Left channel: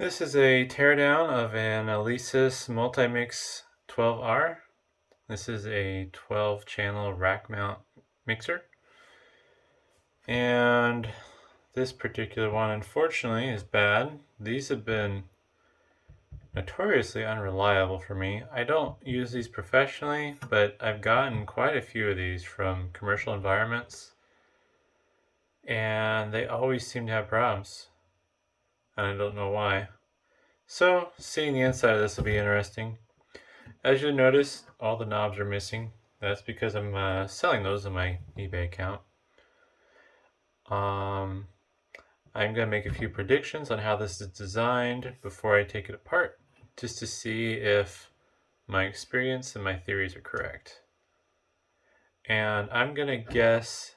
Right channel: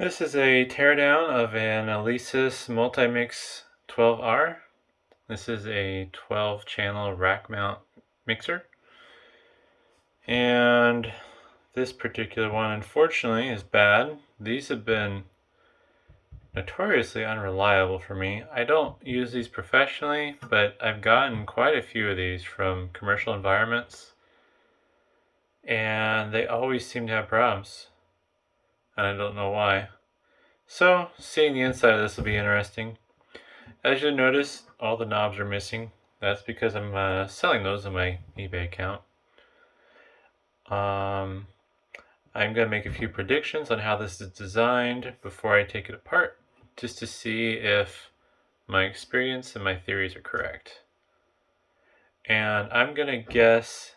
This is a teardown of an Alesis Multimix 12R. This is a 12-channel rack mount mixer. And this particular one, unfortunately, is bad. These have been notoriously unreliable for me. I don't use these professionally, but I've gotten quite a few of these from commercial environments, and they always seem to have problems, and I don't know why. So, seeing the inside of this will be interesting. As you'll notice, all the knobs are missing. That's because I'm selling those on my eBay account. I'm going to make a few predictions on how this is designed before I take it apart, just to see if my experience and my theories are correct. And I'm going to guess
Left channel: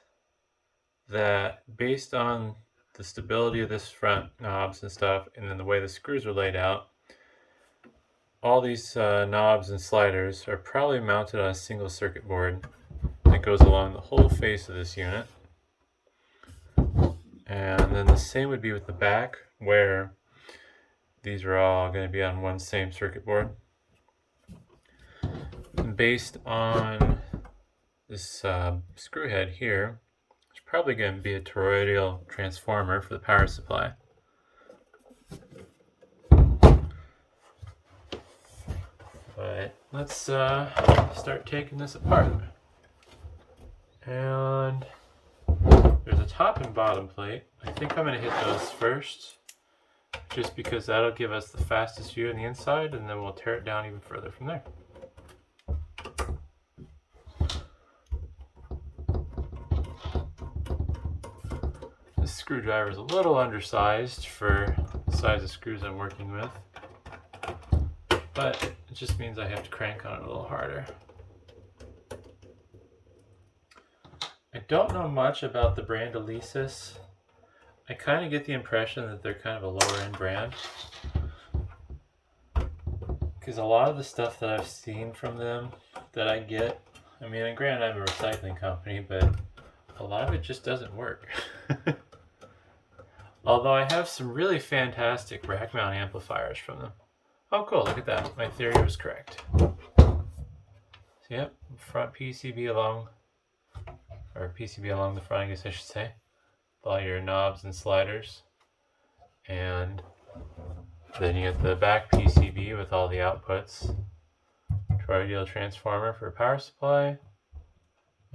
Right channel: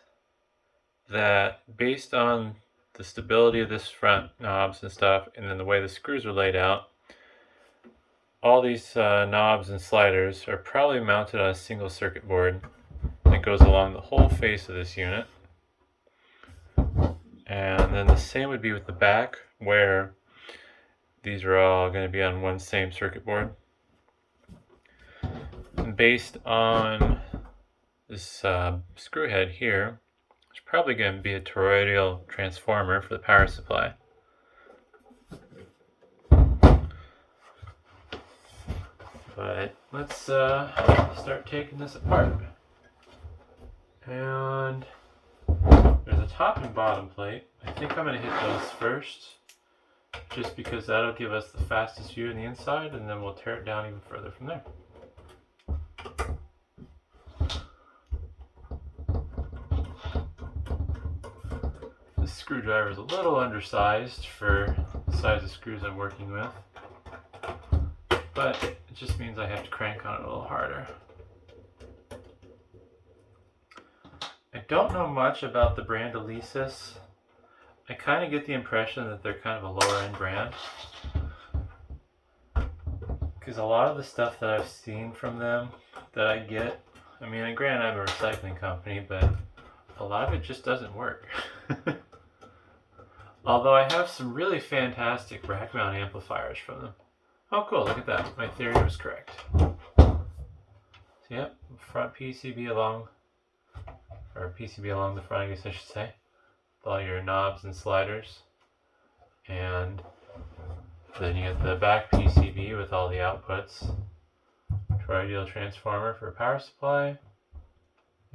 that based on the stability of this front knobs and stuff, and then the way the screws are laid out, all these knobs and sliders are probably mounted on a single circuit board that goes along the whole face of this unit. And then the same would be with the back, where these are all going to be on one same circuit board. And based on this screw head here, it's probably going to be a toroidal transformer for the power supply. But let's start taking this apart. And there's a top and bottom plate. I think I'm going to hit those first, just because that'll give us the fastest view on the inside, and then we'll tear it down even further from there. This screwdriver is a little undersized for the size of screws I'm working with, but it just means I have to crank on it a little harder. I don't know much about the brand Alesis. I kind of get the impression that they're kind of a lower end brand, because a lot of the stuff that I've seen from them that I get, I mean, granted I'm a recycling company, but a lot of it just doesn't work. Although I have some really fantastic rack mount amplifiers from them. Oh cool, look at that, my theory was correct. So, yep, front PCB along the front, I guess I should say, with all your knobs and sliders. And then you get the back PCB with all the outputs, toroidal transformer for power supply,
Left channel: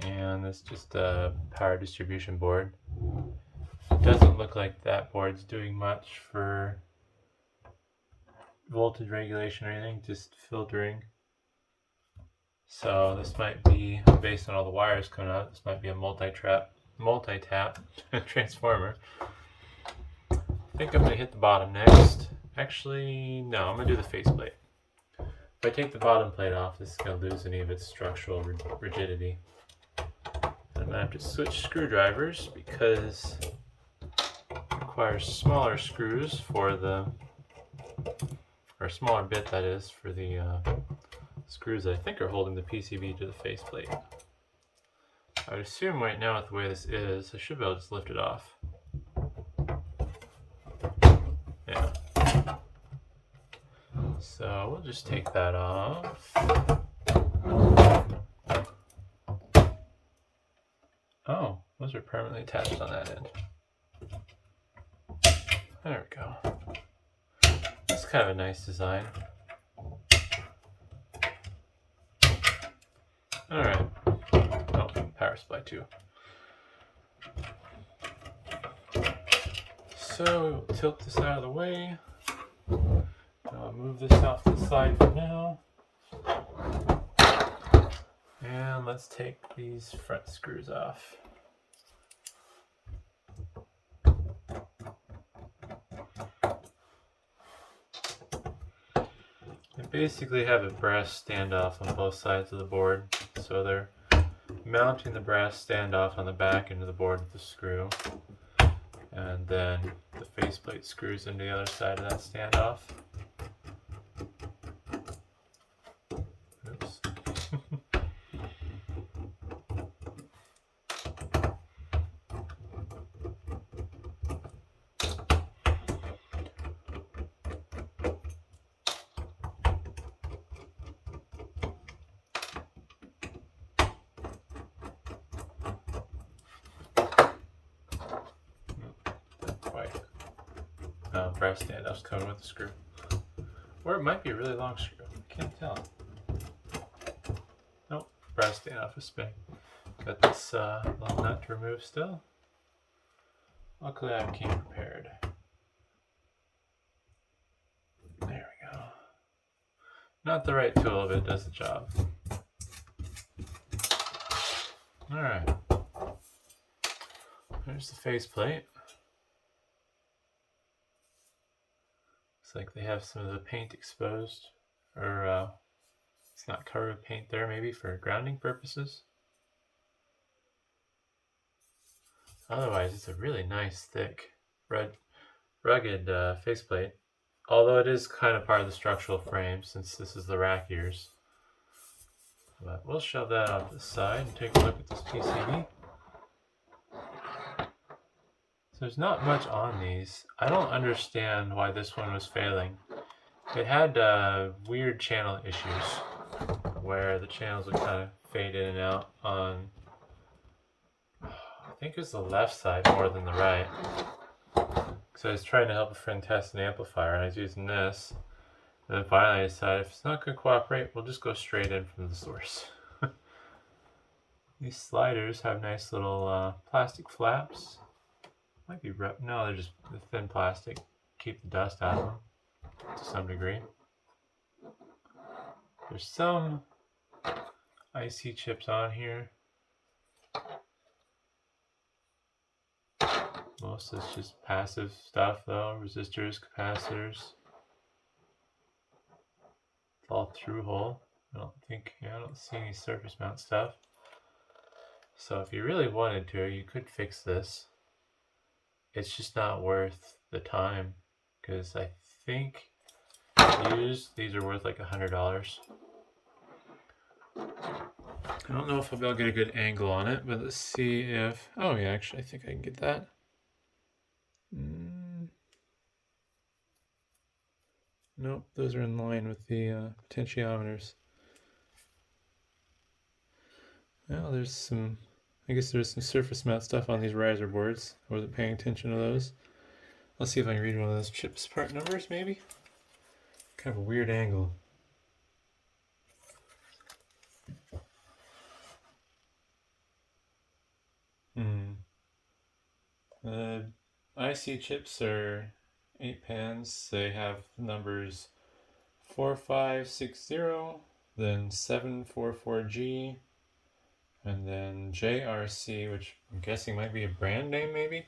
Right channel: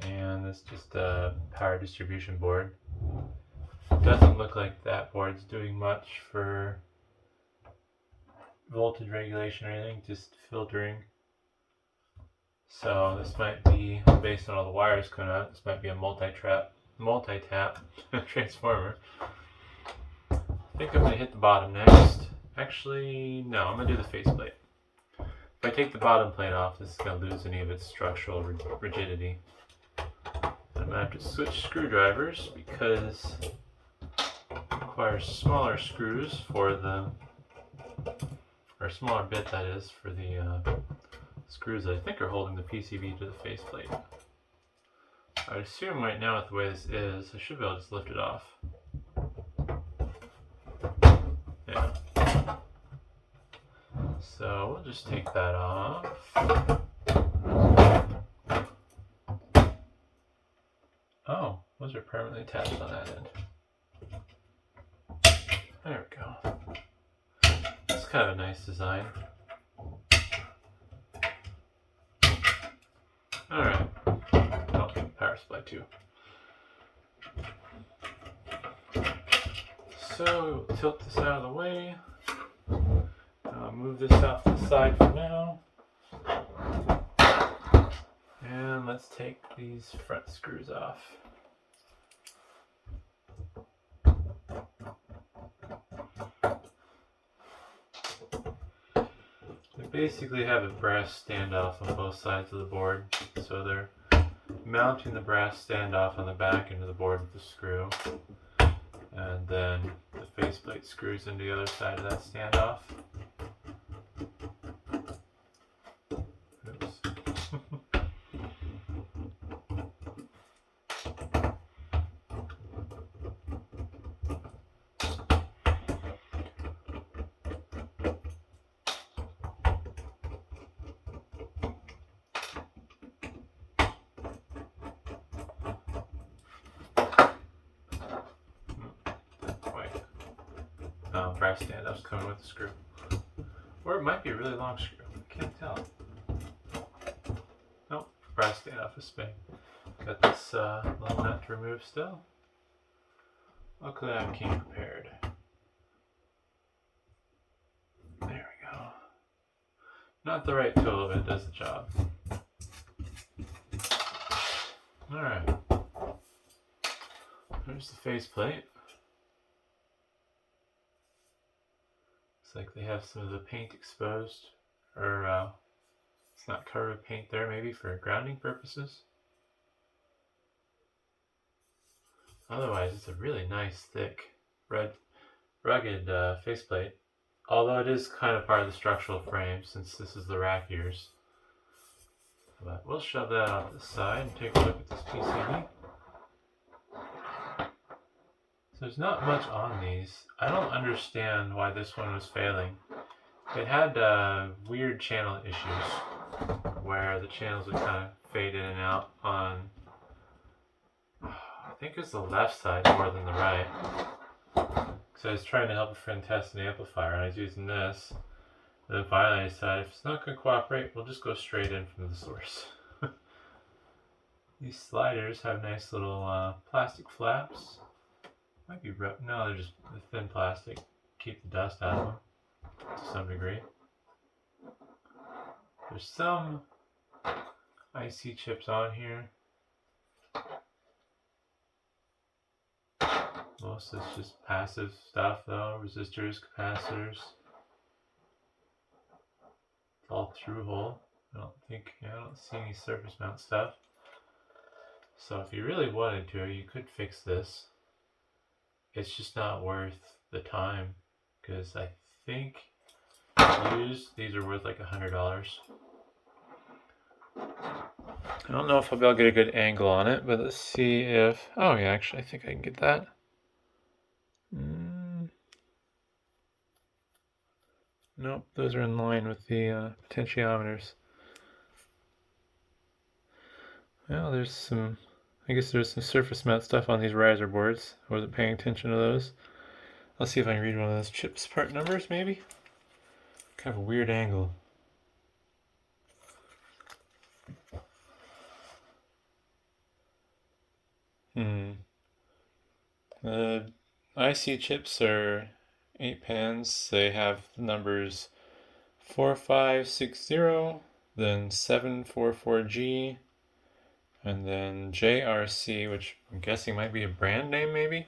and this just a power distribution board. It doesn't look like that board's doing much for voltage regulation or anything, just filtering. So this might be, based on all the wires coming out, this might be a multi-tap transformer. I think I'm going to hit the bottom next. Actually, no, I'm going to do the faceplate. If I take the bottom plate off, this is going to lose any of its structural rigidity. And I'm going to have to switch screwdrivers because it requires smaller screws for the, or a smaller bit that is, for the screws that I think are holding the PCB to the faceplate. I would assume right now with the way this is, I should be able to just lift it off. Yeah. So we'll just take that off. Oh, those are permanently attached on that end. There we go. That's kind of a nice design. Alright. Oh, power supply too. So we'll tilt this out of the way. I'll move this off to the side for now. And let's take these front screws off. They basically have a brass standoff on both sides of the board, so they're mounting the brass standoff on the back into the board with the screw, and then the faceplate screws into the other side of that standoff. Oops. brass standoffs coming with the screw. Or it might be a really long screw. Can't tell. Nope, brass standoff is spinning. Got this little nut to remove still. Luckily I came prepared. There we go. Not the right tool, but it does the job. Alright. There's the faceplate. Looks like they have some of the paint exposed, or it's not covered with paint there, maybe for grounding purposes. Otherwise, it's a really nice, thick, rugged faceplate. Although it is kind of part of the structural frame since this is the rack ears. But we'll shove that off to the side and take a look at this PCB. So there's not much on these. I don't understand why this one was failing. It had weird channel issues where the channels would kind of fade in and out on, I think it was the left side more than the right. So I was trying to help a friend test an amplifier and I was using this. And then finally I decided if it's not going to cooperate, we'll just go straight in from the source. These sliders have nice little plastic flaps. Might be no, they're just the thin plastic. Keep the dust out of them to some degree. There's some IC chips on here. Most of it's just passive stuff though, resistors, capacitors. It's all through hole. I don't see any surface mount stuff. So if you really wanted to, you could fix this. It's just not worth the time because I think used these are worth like $100. I don't know if I'll be able to get a good angle on it, but let's see if, oh yeah, actually I think I can get that. Nope, those are in line with the potentiometers. Well, there's some, I guess there's some surface mount stuff on these riser boards. I wasn't paying attention to those. Let's see if I can read one of those chips part numbers maybe. Kind of a weird angle. The IC chips are 8 pans. They have numbers 4560, then 744G, and then JRC, which I'm guessing might be a brand name maybe.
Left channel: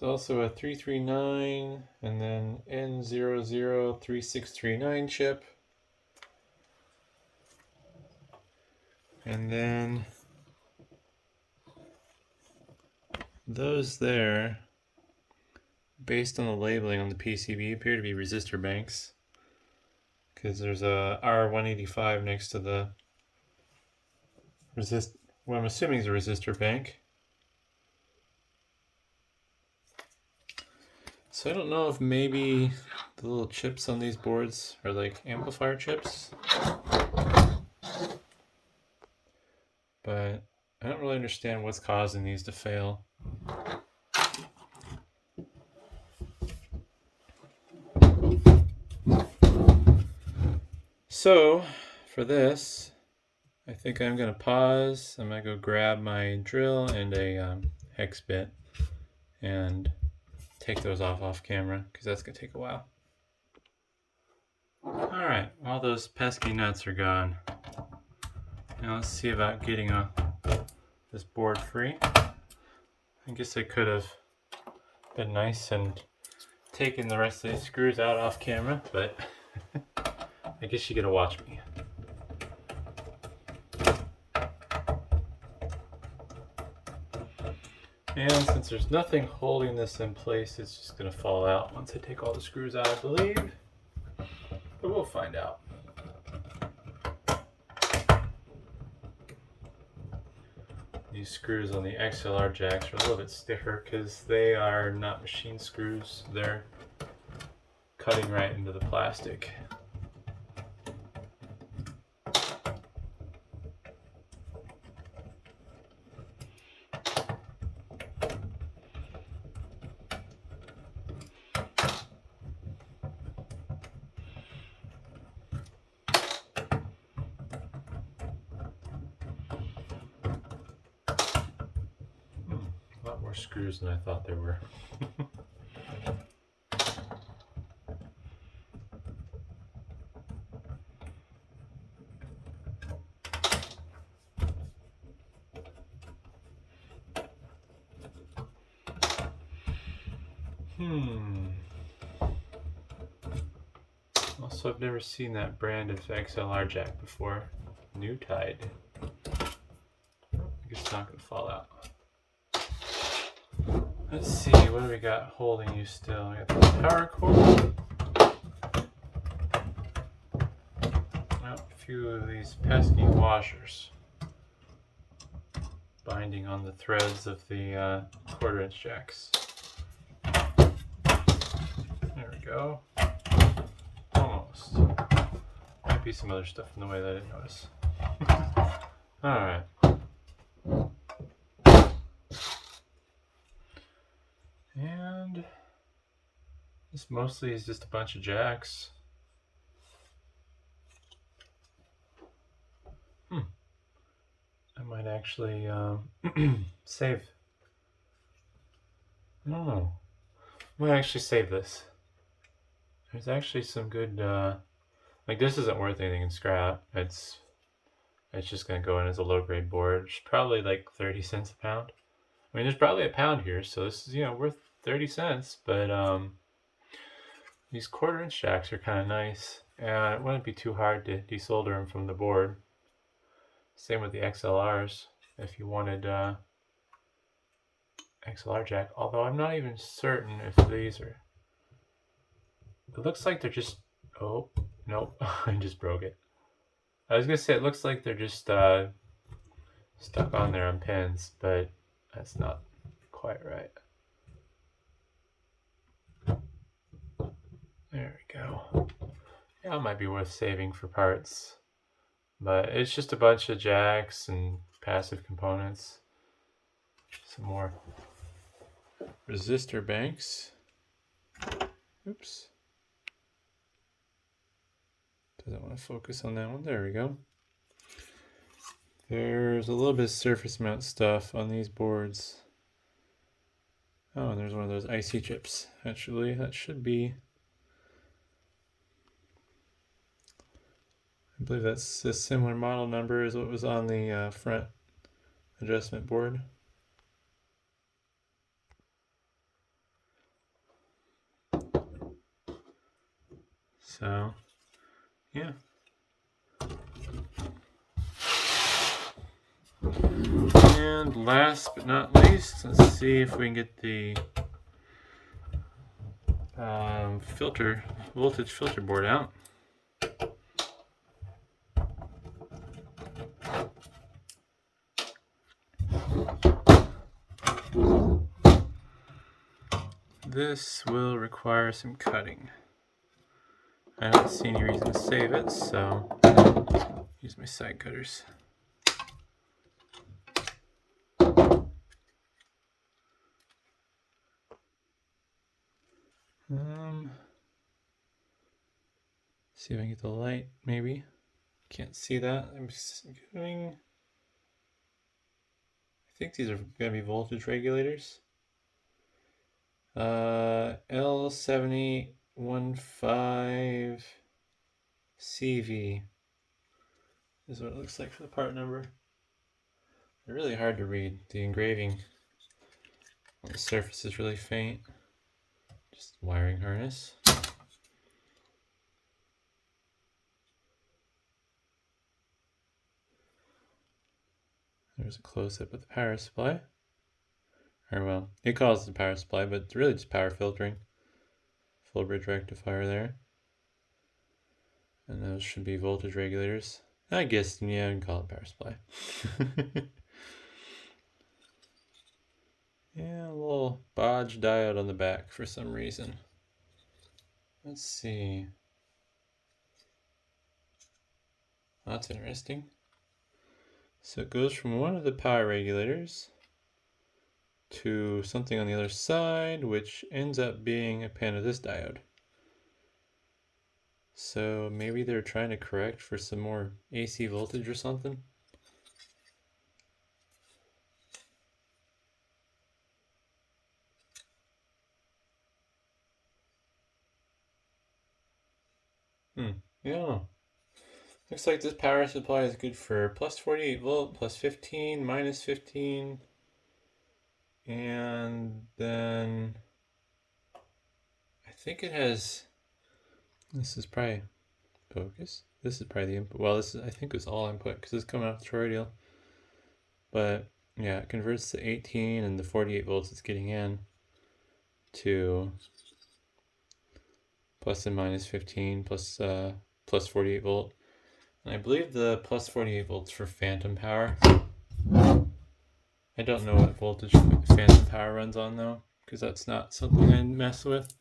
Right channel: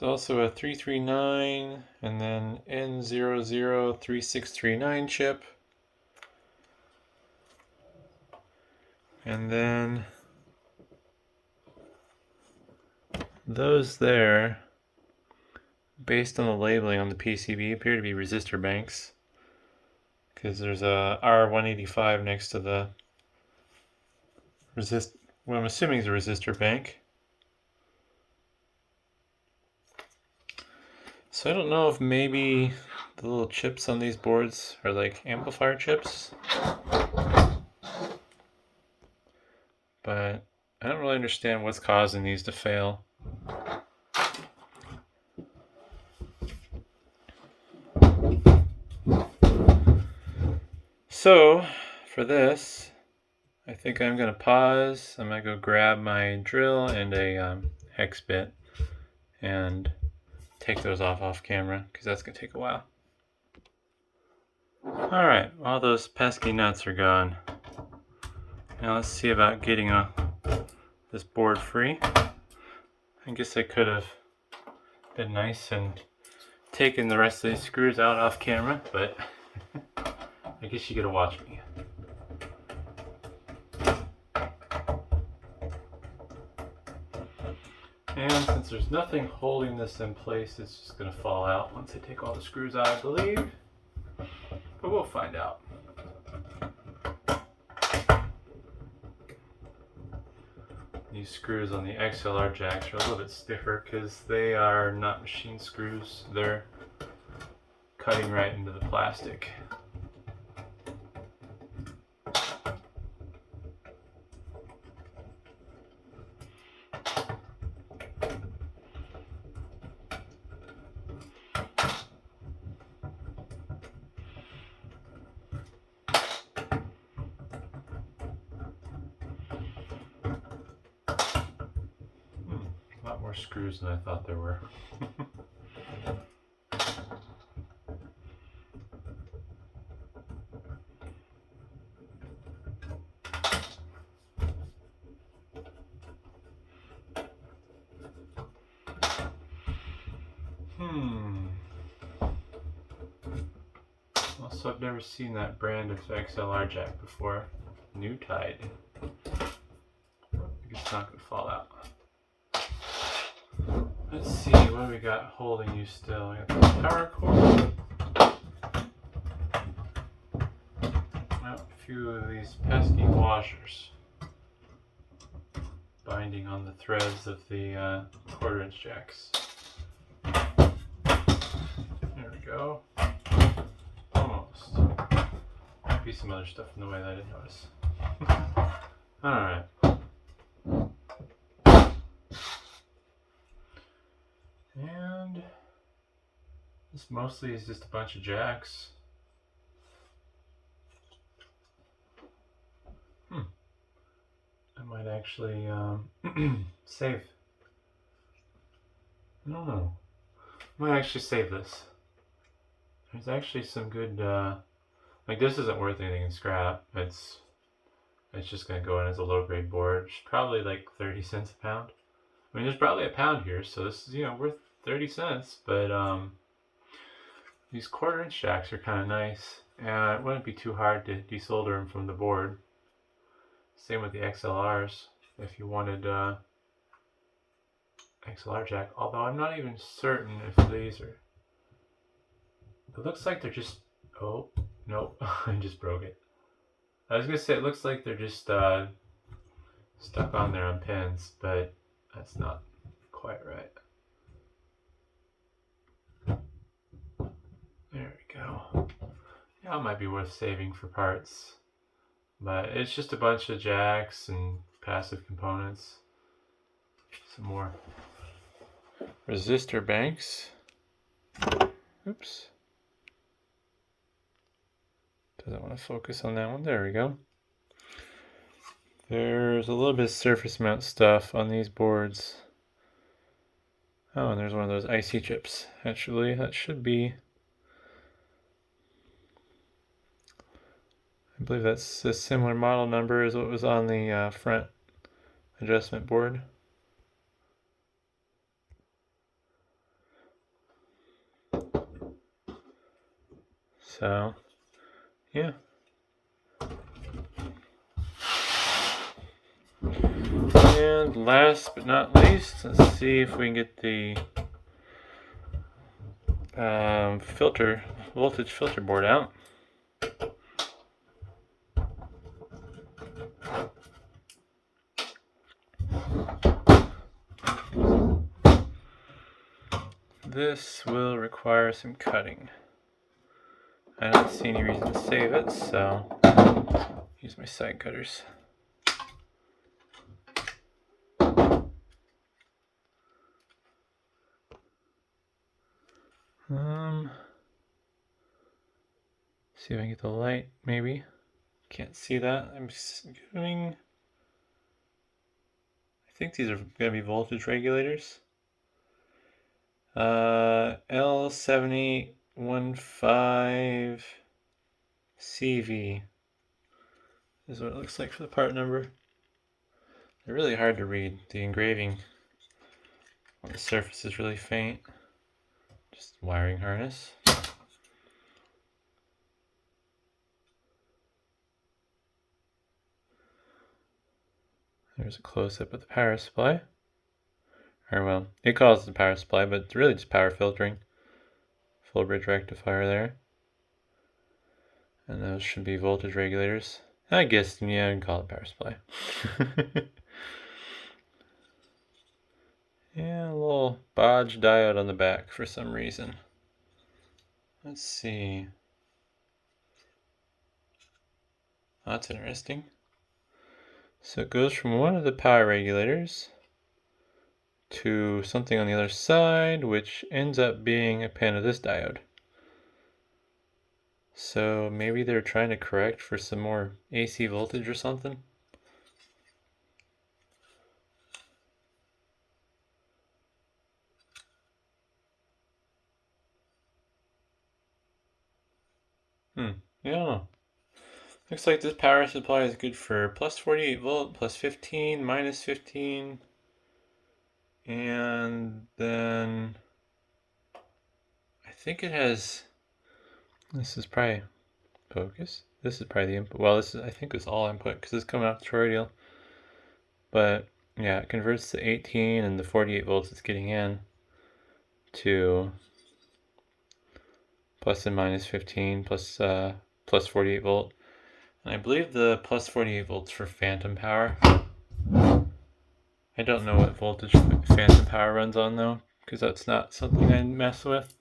There's also a 339 and then N003639 chip. And then those there, based on the labeling on the PCB, appear to be resistor banks. Because there's a R185 next to the what I'm assuming is a resistor bank. So I don't know if maybe the little chips on these boards are like amplifier chips. But I don't really understand what's causing these to fail. So for this, I think I'm going to pause. I'm going to go grab my drill and a hex bit and take those off camera because that's going to take a while. Alright, all those pesky nuts are gone. Now let's see about getting this board free. I guess I could have been nice and taken the rest of these screws out off camera, but I guess you gotta watch me. And since there's nothing holding this in place, it's just gonna fall out once I take all the screws out, I believe. But we'll find out. These screws on the XLR jacks are a little bit stiffer because they are not machine screws. They're cutting right into the plastic. More screws than I thought there were. Also, I've never seen that brand of XLR jack before. New Tide. I guess it's not going to fall out. Let's see, what do we got holding you still? I got the power cord. Well, a few of these pesky washers binding on the threads of the 1/4" jacks. There we go. Almost. Might be some other stuff in the way that I didn't notice. Alright. And this mostly is just a bunch of jacks. I might actually save. I don't know. I might actually save this. There's actually some good, like this isn't worth anything in scrap. It's just gonna go in as a low grade board. It's probably like 30 cents a pound. I mean, there's probably a pound here, so this is, worth 30 cents, but these 1/4" jacks are kind of nice, and it wouldn't be too hard to desolder them from the board. Same with the XLRs, if you wanted XLR jack, although I'm not even certain if these are, it looks like they're just, oh, nope, I just broke it. I was gonna say it looks like they're just stuck on there on pins, but that's not quite right. There we go. Yeah, it might be worth saving for parts, but it's just a bunch of jacks and passive components. Some more resistor banks. Oops. Doesn't want to focus on that one. There we go. There's a little bit of surface mount stuff on these boards. Oh, and there's one of those IC chips. Actually, that should be, I believe that's a similar model number as what was on the front adjustment board. So, yeah. And last but not least, let's see if we can get the voltage filter board out. This will require some cutting. I don't see any reason to save it, so use my side cutters. See if I can get the light, maybe. Can't see that. I'm assuming, I think these are going to be voltage regulators. L7815CV is what it looks like for the part number. They're really hard to read. The engraving on the surface is really faint. Just wiring harness. There's a close-up of the power supply. Or well, it calls it the power supply, but it's really just power filtering. Full bridge rectifier there. And those should be voltage regulators. I guess, yeah, I can call it power supply. Yeah, a little bodge diode on the back for some reason. Let's see. That's interesting. So it goes from one of the power regulators to something on the other side, which ends up being a pin of this diode. So maybe they're trying to correct for some more AC voltage or something. Yeah, I don't know. Looks like this power supply is good for plus 48 volt, plus 15, minus 15, and then I think it has, this is probably focus. This is probably the input. Well, this is, I think it's all input because it's coming off toroidal. But yeah, it converts to 18 and the 48 volts it's getting in to plus and minus 15 plus 48 volt. And I believe the plus 48 volts for phantom power. I don't know what voltage phantom power runs on though, because that's not something I mess with.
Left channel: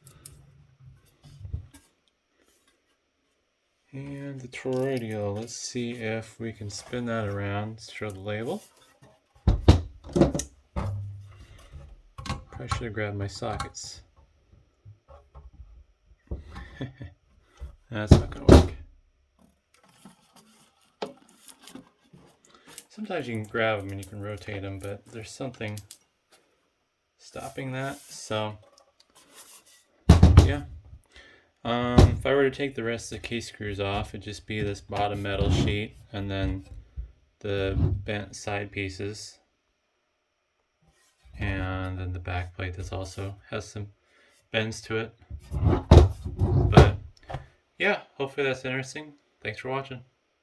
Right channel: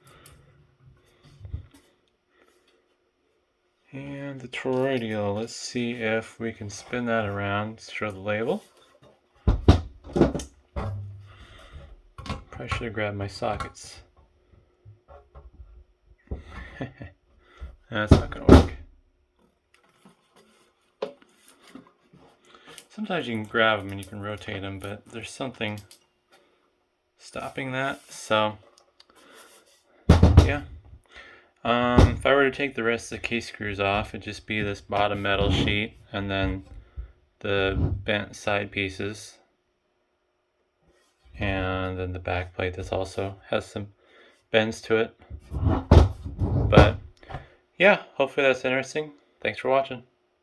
And the toroidal, let's see if we can spin that around, show the label. Probably should have grabbed my sockets. That's not going to work. Sometimes you can grab them and you can rotate them, but there's something stopping that. So, yeah. If I were to take the rest of the case screws off, it'd just be this bottom metal sheet and then the bent side pieces. And then the back plate that also has some bends to it. But yeah, hopefully that's interesting. Thanks for watching.